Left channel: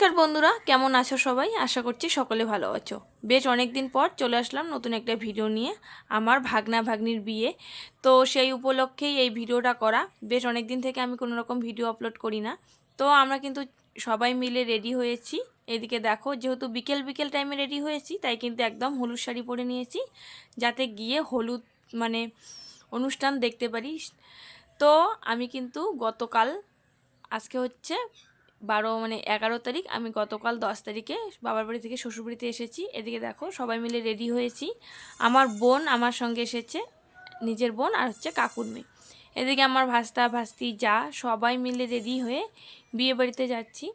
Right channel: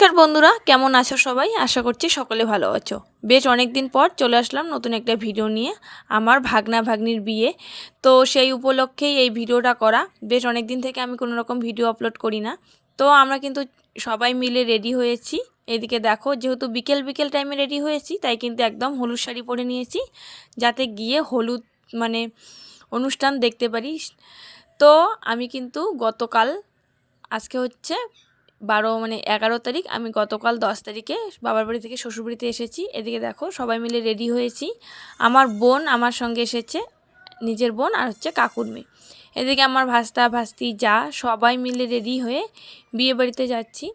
নমস্কার বন্ধুরা, কেমন আছো সবাই? আশা করছি সকলে ভালো আছো। বেশ অনেক দিন পর চলে আসলাম নতুন একটা ভিডিও নিয়ে, আমার ভাগনা ভাগ্নির বিয়ে। তো সেই উপলক্ষেই এই ভিডিওটা করা। বেশ অনেক দিন থেকে আমি কোনো রকম ভিডিও আপলোড করি না। তো আমরা কিন্তু সবাই মিলে রেডি হয়েছি। এদিকে দেখো, যেহেতু বিকেল বিকেল টাইমে রেডি হয়েছি, তাই কিন্তু একদম হলুদ শাড়ি পরে নিয়েছি, যাতে গিয়ে হলুদ মানে অনুষ্ঠান দেখতে পারি। তো আমি কিন্তু গতকাল, আজকে হচ্ছে 11 তারিখ, আমি গতকাল 10 তারিখে বাবার বাড়ি থেকে শ্বশুরবাড়িতে এসেছি। এদিকে দেখো সবাই মিলে রেডি হয়েছি। আমার বোন আমার সঙ্গে এসেছে, নিজের বোন আর হচ্ছে কাকুর মেয়ে। এদিকে আমার ভাস্তা ভাস্তি যা সবাই মিলে রেডি হয়ে বিয়ে বাড়িতে যাচ্ছি।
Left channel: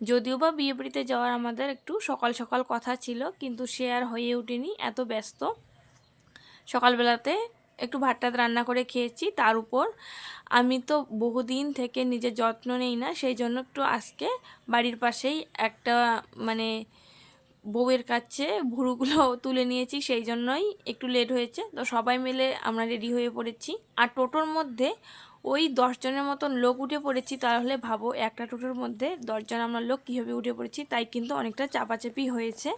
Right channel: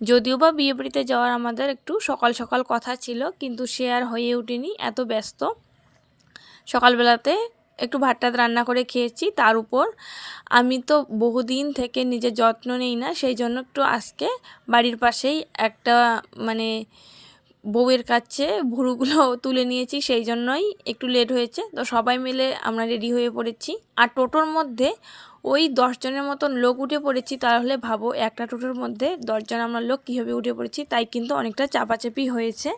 যদিও বা বিয়ে বাড়িতে যাওয়ার আমাদের একটু সকাল সকাল কথা ছিল, কিন্তু সে আর হয়ে ওঠেনি, এত ব্যস্ত। সকালবেলাতে একটু ভাত টাত রান্না করে খেয়েছি। তার উপর আমি তো বহুদিন থেকে নিজের যত্ন নেই না, সেই জন্য একটু আজকে বাড়ির পাশেই একটা বউয়ের কাছে ভুরুগুলো তুলে নিয়েছি, সেই জন্যই একটু লেট হয়েছে। তো সবাই মিলে আমরা রেডি হয়ে পড়েছি। আর টোটোর মধ্যে ওই 10 জনের মতন লোক উঠে পড়েছি। তাহলে ভাবো, একটা টোটোর মধ্যে 10 জন আমরা লোক কীভাবে উঠে পড়েছি, তাই কিন্তু অনেকটা চাপাচাপি হয়েছে।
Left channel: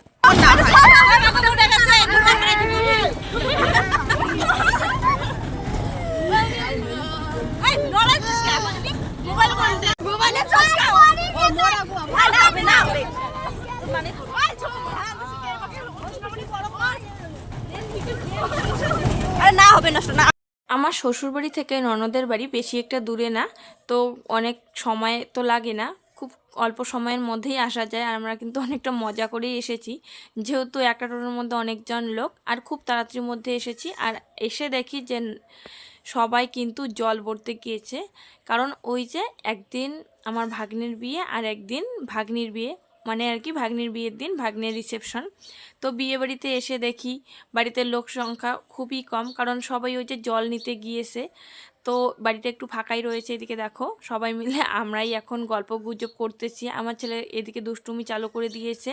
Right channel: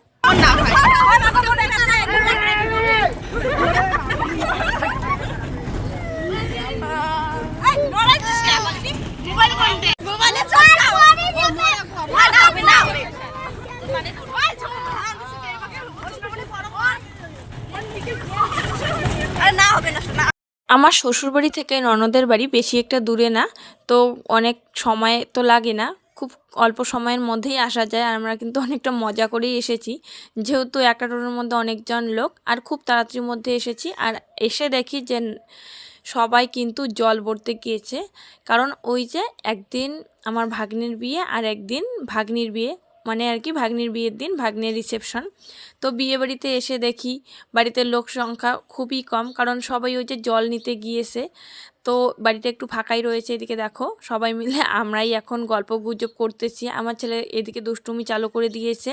আমার শ্বশুরবাড়ি থেকে ননদের বাড়ি বেশি একটা দূরে না, তো অনেক সময় তো লাগে না, খুব অল্প সময়ের মধ্যেই আসা যায়। আর আমরা কিন্তু অনেকটা মজা করেই এসেছি, যেহেতু একটা টোটোর মধ্যে অনেকজন লোক, আর খুব তাড়াতাড়ির মধ্যে এসেছি। আর এসে দেখি যে সবাই কিন্তু জল ভরতে গিয়েছে, কারণ ওই যে একদিন আমার ভাগ্নির বিয়ে আর একদিন ভাগ্নির বিয়ে, মানে আর কি ভাগ্নির বিয়ের দিন ভাগ্নের রিসেপশন। তো বিয়ে বাড়িতে এসে দেখি বাড়িতে লোক সংখ্যা খুবই কম, কারণ সবাই ওই যে জল নিতে গিয়েছে। তো বাড়িটা একটু ফাঁকাই রয়েছে। এদিকে দেখো সবাই মিলে আমরাই এখন গল্প গুজব করতেছি। আমার ছেলে এদিকে দুষ্টুমি চালু করে দিয়েছে।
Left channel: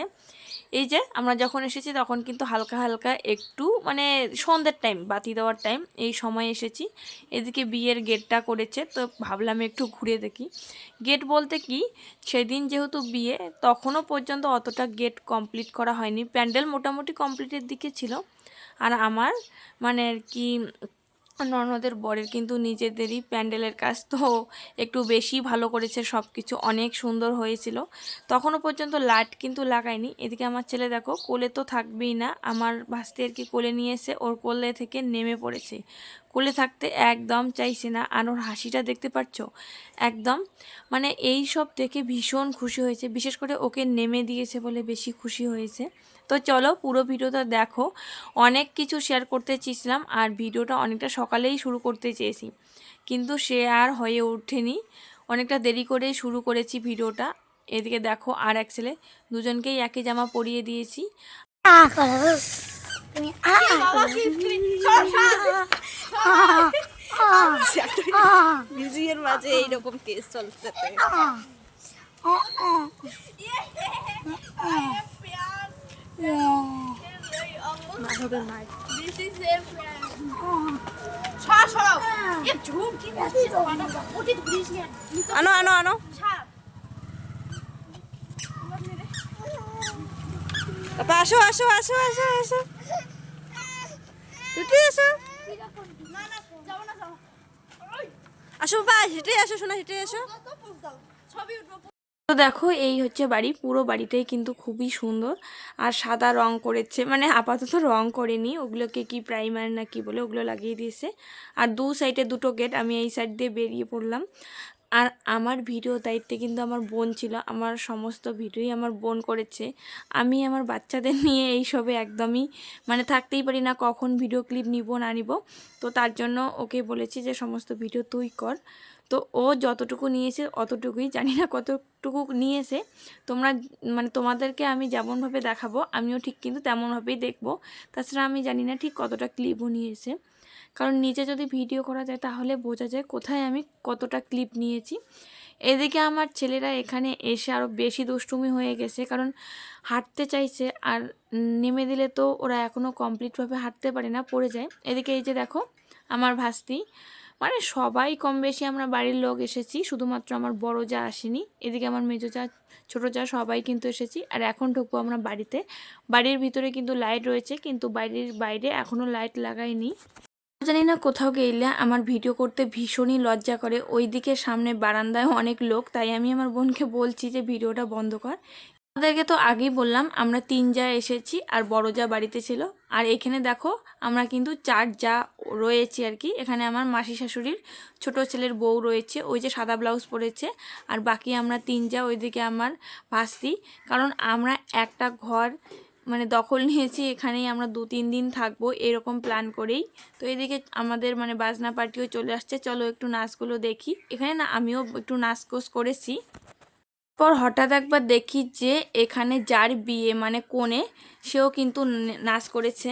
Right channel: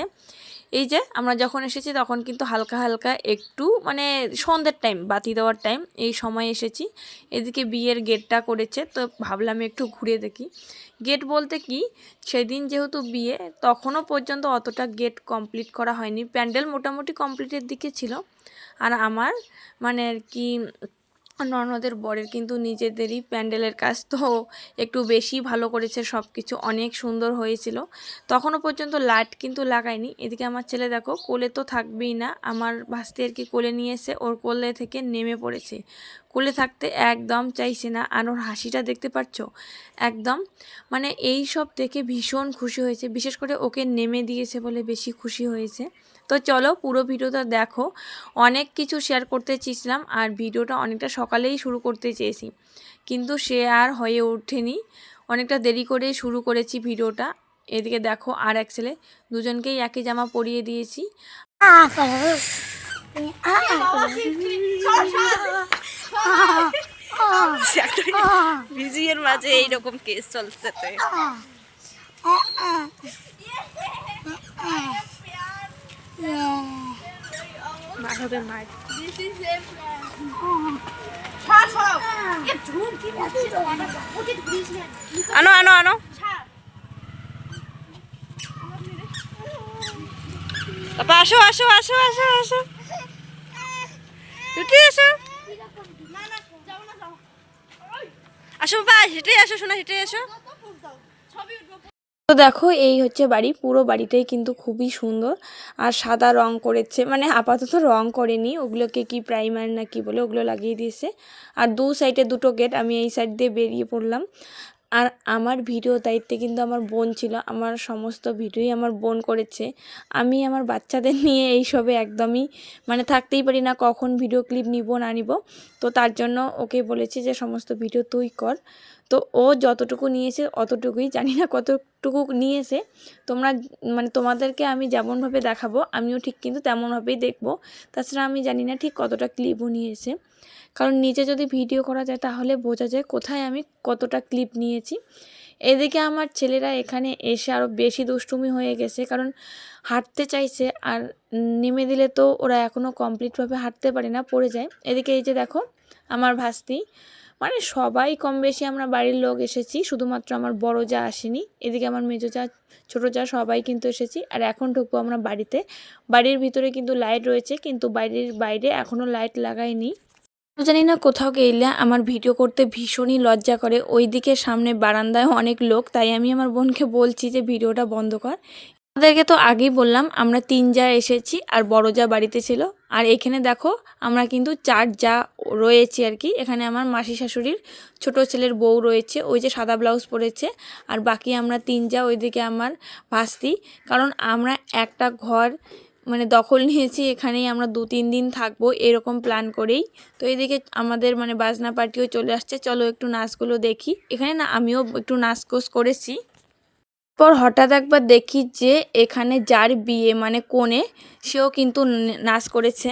এই যে আমরা যখন এসেছি তখন কিন্তু হালকা হালকা একটু সন্ধ্যের টাইম, বাতি দেওয়ার টাইম, এই সময় এসেছি। এদিকে বিয়ের গেটটা করেছে, তো ভাবলাম একটু ঘুরে দেখি। গেট বলতে কি, সেদিন যেহেতু বিয়ে, তখনও পর্যন্ত অতটা গেট কমপ্লিট করা হয়নি, প্যান্ডেল মোটামুটি কমপ্লিটের দিকে ছিল। আর আমার আর কি ননদের বরের কিন্তু নিজেদেরই প্যান্ডেলের কাজ, তো একটু বেশি ভালো করেছে, সব কিছু অনেক সুন্দর হয়েছিল। তখনও পর্যন্ত লাইট কিন্তু লাগায়নি। এদিকে আমার ছেলে দেখো, কোলে তো থাকবেই না, আমার ভাস্তি আর কি কোলে নিয়েছে, ওর কোলে থেকে নেমে পড়েছে, কোলে থাকতে একদম চাইছে না। আর ওর হাসিটা দেখতে পাচ্ছ, একদম এই সব দেখে ভীষণ খুশি হয়েছে, বিশেষ করে ওকে নেমে দিয়েছে বলে বেশি খুশি হয়েছে। তো চলো পুরো ভিডিওটা দেখো। অনেক কিছু শেয়ার করতে চেয়েছিলাম, আর ভিডিওটা অনেকটা সকালেই শুরু করতে চেয়েছি, কিন্তু সে আর হয়ে ওঠেনি, অনেকটা দেরি করে শুরু করেছি ভিডিওটা। এদিকে দেখো আর এক ছেলে, দুজনকেই একই জামা পরিয়ে দিয়েছি। ভিজিয়ের মাঝে এইরকম কেস চলছে। আনো আনো আনো, আসো আসো আসো আসো আসো, উঠে আসো, আসো বাবা, হেঁটে আসো, শোনা হেঁটে আসো। তো দেখো এই হচ্ছে বাড়ি, পুরো বাড়িটাই কিন্তু খুবই সুন্দর। আর সাদা রং করেছে, আপাতত রং করেনি, ওগুলোকে কি প্রাইমার না কি বলে ওগুলো লাগিয়ে দিয়েছে। আর দু সাইডে দুটো গেট, আমি এই সাইড দিয়ে বেরিয়ে পড়লাম। আর আমার ভিডিও দায়িত্বে কিন্তু আমার বোন ছিল, আমার সমস্ত ভিডিওই আমার বোন করেছে। আমি আমার বাচ্চাদের নিয়ে এইসবে একদমই থাকতেই পারি না, কখন ভিডিও ক্লিপ নিব না নিব। তো তার জন্য ওকে বলেছি যে সমস্ত ভিডিও তুই কর। তো ও যতটুকু নিয়েছে অতটুকুই, জানি না কতটুকু নিয়েছে। তোমরা তোমাদেরকে আমি যেমনভাবে দেখাবো, আমিও ঠিক কিন্তু তেমনভাবেই দেখবো। তাছাড়া আমি জানি না ঠিক কতটা ক্লিপও নিয়েছে, কারণ নিচে যদি ভিডিও করা যায় তাহলে বোঝা যায় কোথায় আমি কতটা ক্লিপ নিয়েছি। এদিকে আমার ছেলেরা এখানে এসে আরও বেশি দুষ্টুমি হয়ে গেছে, কারণ হাঁটতে চাইছে, আর নেমে দিলে তো ওরা এখনও কমপ্লিটভাবে হাঁটতে পারে না, পড়ে যায়। এদিকে এই যে দেখো আমার ভাস্তি, সবাই কম বেশি আমরা বাড়ির লোক এসেছি, শুধুমাত্র আমার বড় যা আসেনি। এদিকে আমার মেজো যা ছোটো যা সবাই কিন্তু এসেছি। আর এখন ঢুকবো আমরা বাড়িতে। বাড়ির ভিতরে কিন্তু লাইট রয়েছে, কিন্তু বাড়ির বাইরে এখনও লাইট লাগাইনি। জানি না, কোথাও গেলে আমার ভিডিও করতে ভীষণই লজ্জা করে। ওইদিকে সামনে বারান্দায় অনেক লোক, তাই আমি আমার বোনকে বলছি যে ভিডিওটা বন্ধ কর। আমাদেরকে তো আগেই বললাম আমরা 3 যা এসেছি আর বড় যা বাড়িতে ছিল। আর এখানে দেখো আমরা কিন্তু 4 যা রয়েছি আর কি। এখানে আমার মাসি শাশুড়ির ছোট ছেলের বউ রয়েছে, ওই যে সাদা ব্লাউজ পরেছে। আর বাকি আমরা 3 যা, ওইদিকে আমার ভাস্তি। কারণ আমরা একটা ঘর মানে দখল নিয়েছি, এখানেই আমরা 2-3 দিন থাকবো এরকম প্ল্যান করেই। তো এইদিকে আমাদের মানে বাজনা পার্টিও চলে আসছে। চলো একটু নাচগুলো দেখি। এখানে না আমিও একটু নাচকোস করেছি। পর হঠাৎ একবার দেখি যে এখানে যার বিয়ে মানে কনে, সেও কিন্তু নাচ করেছে।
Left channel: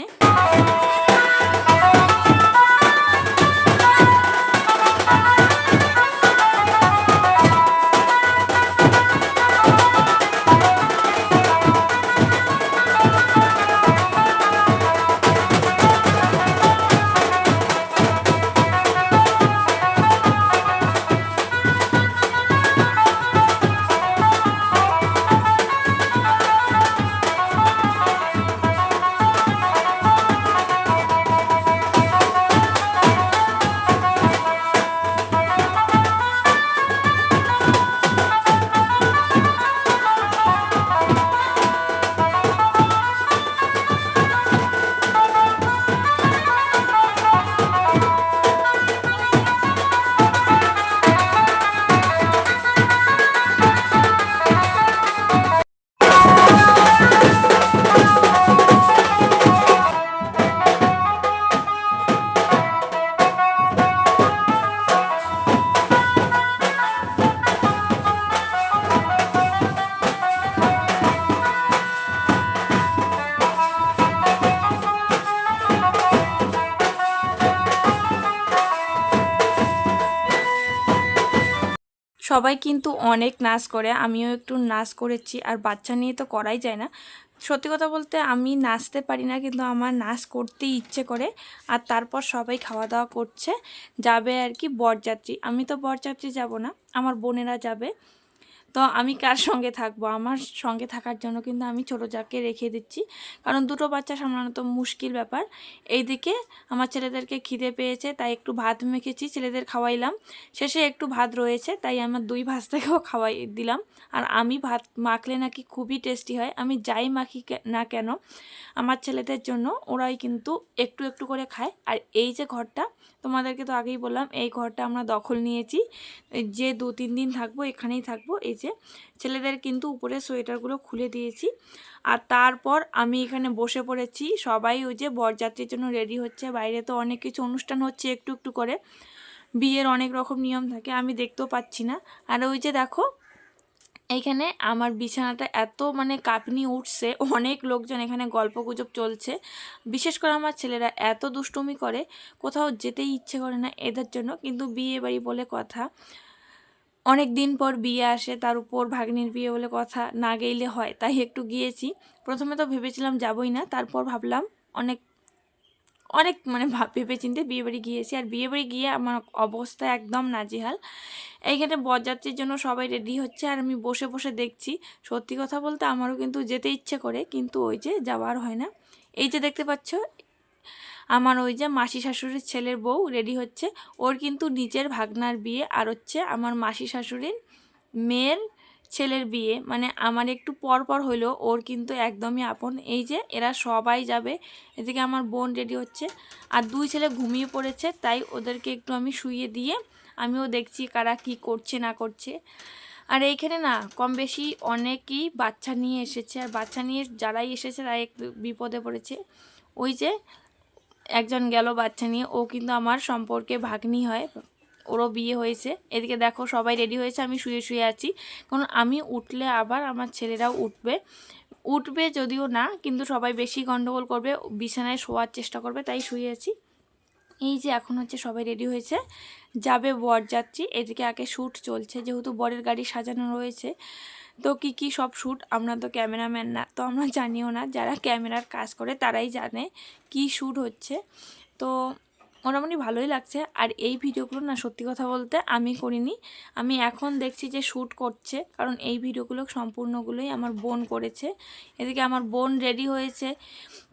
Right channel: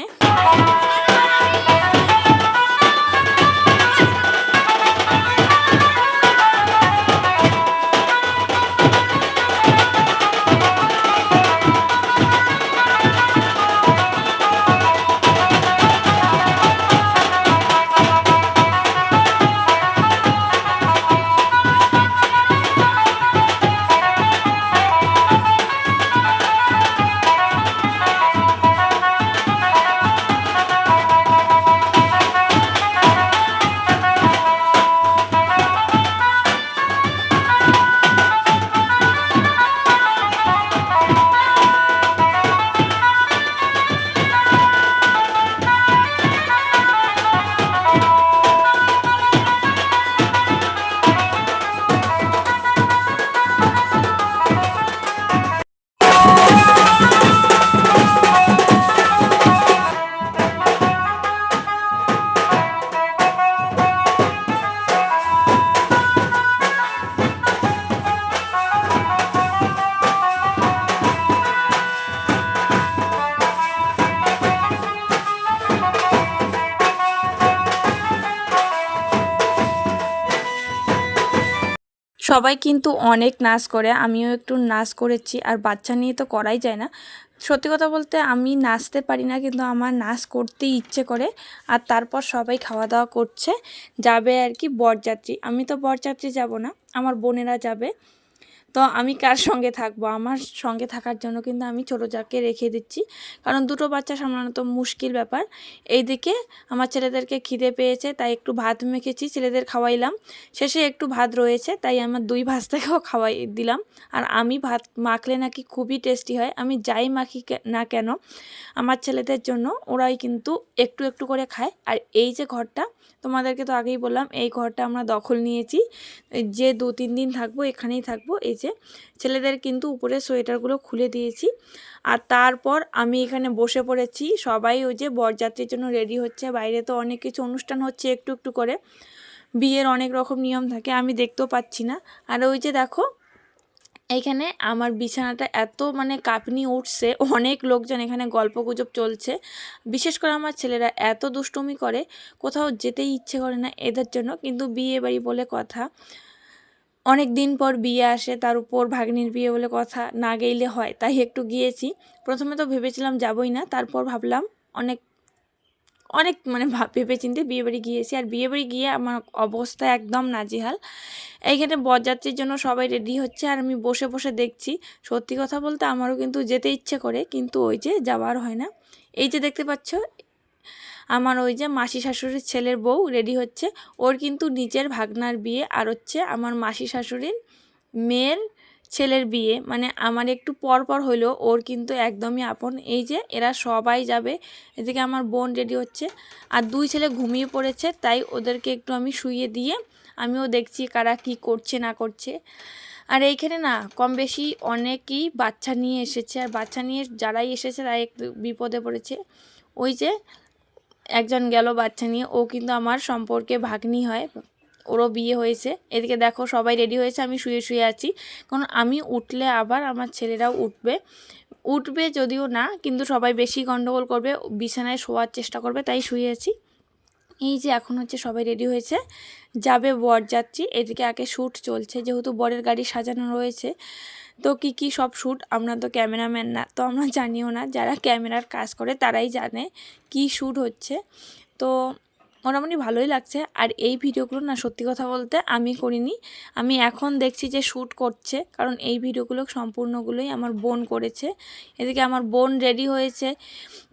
সবাই কিন্তু অনেক নাচ করে, আমিও একটু নাচ করেছি। আর বাচ্চা নিয়ে তো করাই যায় না। সত্যি কথা বলতে আমি নাচতে পারি না, কিন্তু আমার নাচ করতেই ইচ্ছে করে। আর তারপর সবাই খাওয়া দাওয়া করছে, যাবে আর কি বরযাত্রী। আমি তো বরযাত্রী যাব না, আমার বোনেরা যাবে। তো আমি কার সঙ্গে থাকবো? আমার সঙ্গে থাকার জন্য কিন্তু আমি ছোটো যাকে রেখে দিচ্ছি, কারণ দুটো বাচ্চা সামলানো তো মুশকিল ব্যাপার। এইদিকে আমার ছেলেদেরকে খিদে পেয়েছে, তাই একটু ভাত মেখেছি, ছেলেদের খাওয়াইলাম। শেষে একটু ভাত রয়েছে, তাই আমার 2 ভাস্তাকেও খাওয়াই দিলাম। আর আমি ভাত মাখলে নাকি খুবই টেস্টি হয়, আমি যাই মাখি না কেন আমার ছেলেদের জন্য, ওরাই কিন্তু একটু একটু করে খায়। আর এই যে ঘরটা, তোমাদেরকে তো আগেই বললাম এই ঘরটা আমরা দখল নিয়েছি, যে 2-3 দিন থাকবো এখানেই থাকবো। এই যে ছেলেদের কিন্তু উপরে সোয়েটারগুলো খুলে দিয়েছি। আর তারপর আমি এখানে বসে পড়েছি, সবাই ওই যে বরযাত্রীর জন্য রেডি হচ্ছে। বাইরে তো অনেক কিছু অনুষ্ঠান হচ্ছে একটু একটু করে, বিয়ের অনেক রকম নিয়ম থাকে, আমি দেখতেও পাচ্ছি না। আর ওই যে দেখো এইখানে আমার বিছানাটা এত মানে কাঁপুনি উঠছে, অনেক লোকজন এখানে গল্পগুজব চলছে। বিশেষ করে আমার ছেলেরা এত দুষ্টুমি করে, কোথাও যেতেই ইচ্ছে করে না এদের জন্য। কিন্তু বিয়ে বাড়ি বলে কথা, অনেক দিন পর বিয়ে আসে, তার উপর ভাগ্নির বিয়ে বলে কথা, না গেলে হয়, তাই একটু গিয়েছি। প্রথমে তো ভেবেছিলাম যাবই না, তারপর ভাবলাম অনেক অনেক মানে ভেবে চিন্তে বিয়েবাড়ি গিয়েছি। আর বিয়েবাড়ি গিয়ে আমার অবস্থা একদম নাজেহাল। এইখানে বরযাত্রীর জন্য সবাই রেডি হচ্ছে, আর আমি বসে বসে দেখছি। সত্যি কথা বলতে আমারও কিন্তু যেতে ইচ্ছে করে, কিন্তু ওই যে যাওয়ার হয় না। এই যে দেখতে পাচ্ছ আমার ওই যে মাসি শাশুড়ির ছেলের বউ রেডি হচ্ছে, ওর কিন্তু নিজের ভাগনার বিয়ে, আর হচ্ছে আমার মাসি শাশুড়ির মেয়ের ছেলের বিয়ে, মানে আমার একটু পর পর হইলেও ওর কিন্তু একদমই আপন। এই যে এরা সবাই যাবে, এদিকে আমার বোন রেডি হচ্ছে। আর 2 ছেলে ঘুমিয়ে পড়েছে, তাই ওদেরকে একটু আমি শুইয়ে দিয়ে আমিও দেখছি কারা কি করছে না করছে। আর এইখানে না কম বেশি অনেকই বাচ্চা নিয়ে এসেছে, আর বাচ্চা নিয়ে যারাই এসেছে তারা একটু বিপদে পড়েছে। ওই যে একজন গেল বাচ্চা নিয়ে, ও কিন্তু আমার সম্পর্কে ভাগ্নি হয়, ওরও বিয়ে হয়েছে। এদিকে দেখো সবাই রেডি হয়েছে, আমি শুয়ে শুয়ে আছি, কারণ আমি উঠলে আবার আমার ছেলেরাও উঠবে যদিও না, কিন্তু সবাই বেশি গন্ডগোল করবে, বিছানায় শোয়ার চেষ্টা করবে, তাই শুয়ে আছি। এই যে এখন হচ্ছে সবাই রেডি হয়েছে, যাবে বরযাত্রী। এদিকে আগে শ্যুট চলছে, যেহেতু বরের গাড়ি সাজানো রয়েছে, তো কি সব শ্যুট, আমরা তো ক্যামেরাম্যান না, তো আমরা জানিও না, যারা ক্যামেরার কাজ করে তারাই জানে কি শ্যুট হচ্ছে। তো মোটামুটি ভালোই লাগছে। আর এই ভিডিওগুলো না সত্যি কথা বলতে আমি করিনি, আমি এখন দেখছি যে শ্যুট করছে, কারণ এই ভিডিওগুলো সম্পূর্ণগুলোই আমার বোন করেছে। এদিকে আমার বোন রেডি হয়েছে,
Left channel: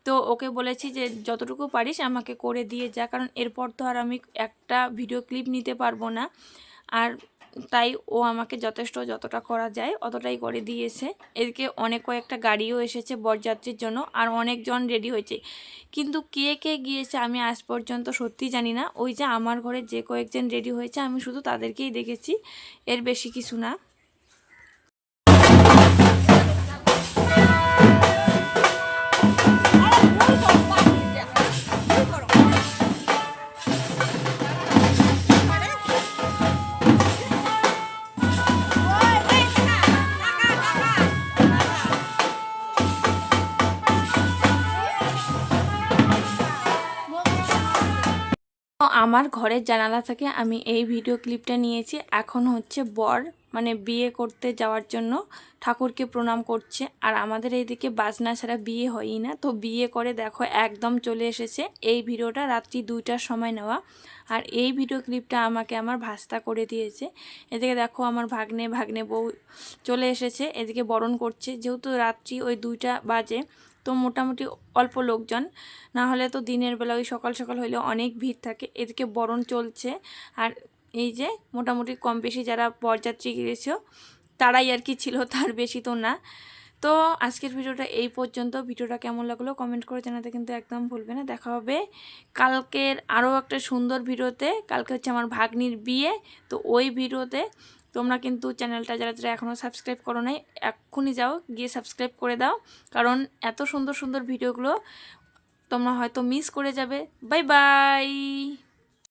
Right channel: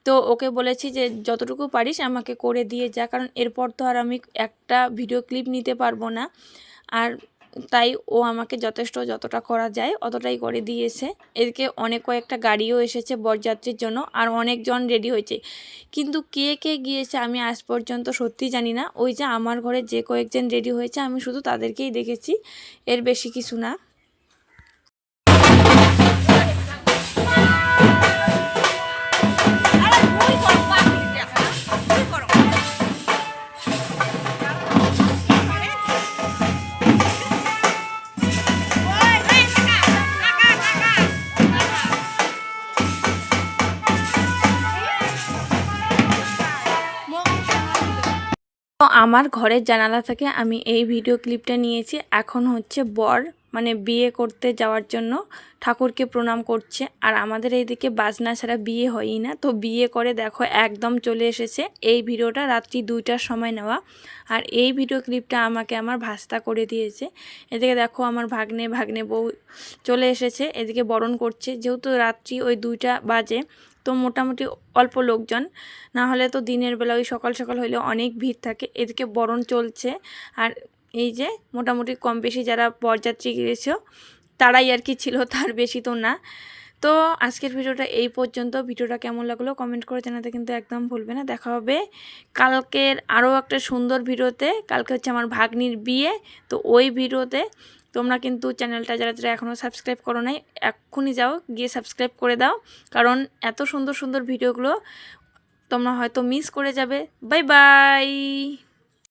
তো ওকে বলেছি যে যতটুকু পারিস আমাকে করে দিয়ে যা, কারণ এরপর তো আর আমি একটা ভিডিও ক্লিপ নিতে পারবো না। আর তাই ও আমাকে যতটা করা যায় অতটাই করে দিয়েছে। এদিকে কয়েকটা গাড়িও এসেছে বরযাত্রীর জন্য, আর অনেকজন রেডি হয়েছে, কিন্তু কে কে গিয়েছে আমি আজ পর্যন্ত সত্যি জানি না। ওই যে আমার ঘরে যে কয়েকজন রেডি হয়েছে আমি শুধু তাদেরকেই দেখেছি, এর বেশি কিছু না। তো আমার ঘরের জানালা থেকে আমি এই ভিডিও ক্লিপটা নিয়েছি। এখন হচ্ছে বর মানে বিয়ে করতে যাওয়ার জন্য ঠাকুরকে প্রণাম করছে, আর আমাদের এইদিকে বাজনা ছাড়া বিয়ে হয়ই না। তো বিয়ে করে দেখো একদম চলে এসেছে। এই ভিডিওটা রাত্রি 2টার সময় নেওয়া, আর এই ভিডিও ক্লিপটা আমাকে আমার ভাস্তা করে দিয়েছে। এদিকে দেখো আমার ভাগ্নে বউ চলে এসেছে, এদিকে বরণ করছে। যেহেতু রাত্রি ওই 2টা বাজে, তো মোটামুটি অল্প লোকজন, না হলে তো দিনের বেলা ওই সকাল সকাল হইলে অনেক ভিড় থাকে। এদিকে বরণ চলছে, আর এই যে মোটামুটি কম বেশি যারা বরযাত্রী গিয়েছে তারাই আর কি ছিল, তার বেশি তো না। তো আজকের ভিডিওটা এই পর্যন্ত। ভিডিওটা কেমন লাগলো কমেন্ট করে জানাতে কিন্তু একদম ভুলবে না। দেখা হবে কালকের আরও একটা সুন্দর ভিডিওতে। কালকে হচ্ছে আমার ভাগ্নির বিয়ে, তো ওই ভিডিওতে তোমরা কিন্তু চ্যানেলটা যারা যারা এখনও সাবস্ক্রাইব করো নাই এক্ষুনি যাও গিয়ে সাবস্ক্রাইব করে দাও, কারণ এত সুন্দর সুন্দর ভিডিওগুলো তোমরা হয়তো মিস করে যাবে। Bye bye.